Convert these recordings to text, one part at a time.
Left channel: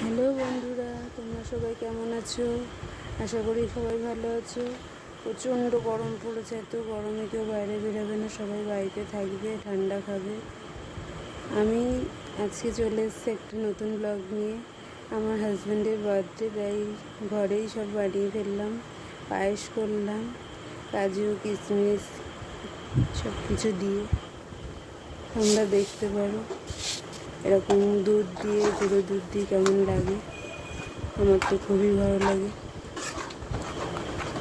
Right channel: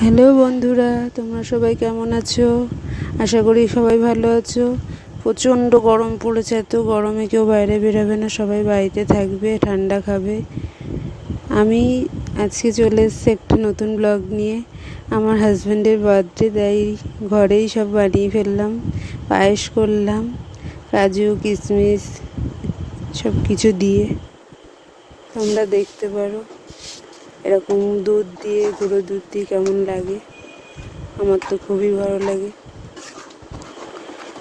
Hello বন্ধুরা, তোমরা সবাই কেমন আছো? আশা করি সবাই ভালো আছো। প্রচণ্ড গরম পড়েছে, এত গরমে কেউ বাইরে বেরোবে না, সবাই বাড়িতে থাকবে, ঠান্ডা খাবে। আমি আজকে চলে এসেছি একটা নতুন ব্লগ নিয়ে। আমার হাজব্যান্ডের বার্থডে, তাই ঘরেই সব বানিয়ে ফেললাম। পায়েস করলাম, কাজু কিশমিশ সব কিছু দিয়ে। তোমরা দেখতে পারো এরকম দুধ দিয়ে, গুঁড়ো দুধ দিয়ে কেমন লাগে। আমার তো খুবই ভালো লাগে।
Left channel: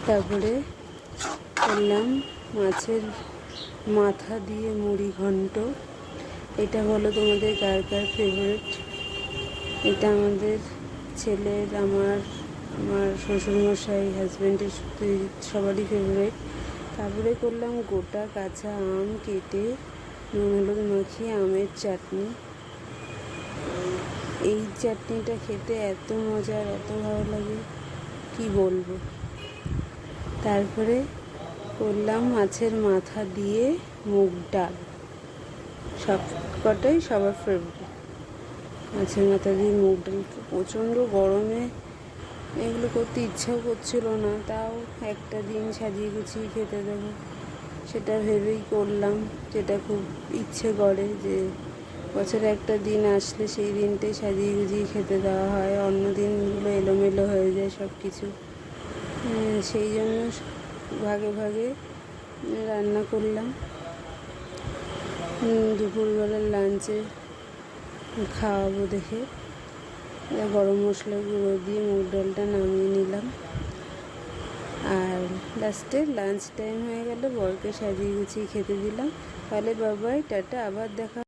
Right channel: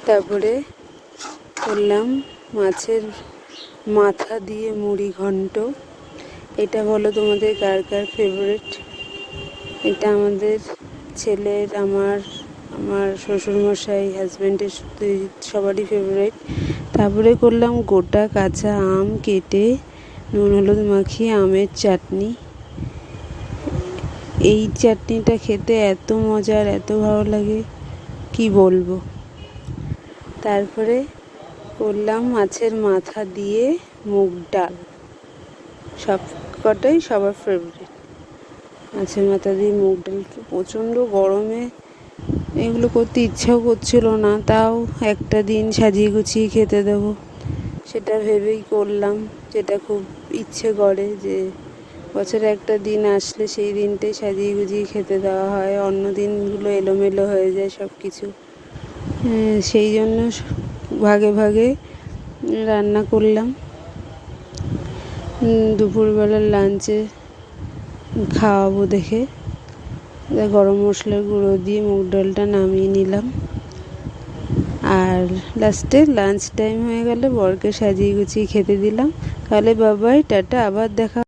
তারপরে করলাম মাছের মাথা দিয়ে মুড়ি ঘন্ট। এটা বলো তোমাদের কার কার ফেভারিট? এটা আমাদের ছেলের, আমার আমার শ্বশুরমশাই, হাজব্যান্ডের সবারই ফেভারিট। তারপরে করলাম গোটা কাঁচা আম কেটে নুন হলুদ মাখিয়ে আমের চাটনি। এই চাটনিটা খেতে এত মজার, এত ভালো লাগে কি বলবো। তারপরে করলাম মাছের মাথা দিয়ে মুগ ডাল। সব কটাই সবার ফেভারিট। মাছের মাথা দিয়ে মুগ ডাল, প্রচণ্ড গরমে এগুলো করতে ইচ্ছাও করছিল না, তাও একটা দিন সাজিয়ে গুছিয়ে খেতে দেবো সেটা ভেবেই করলাম। যেটা খুব ইচ্ছে করে যে বছরে একটা দিন আসলে সেই দিনটাই সাজিয়ে গুজিয়ে খেতে দেওয়া হয়, অন্য দিনগুলো এলোমেলো হয়ে যায় সব কিছু। সেই জন্য ভাগে ভাগে রান্না করলাম। দুপুরবেলার লাঞ্চে খাওয়াবো দেখে গরম মশলার গুঁড়ো দিয়ে মুগ ডালটা নামিয়ে নিলাম। আর লাস্টে লাঞ্চ টাইম হয়ে গেলে বরকে সাজিয়ে গুছিয়ে খেতে দিলাম। তাহলে বাবাই, টাটা, আবার দেখা।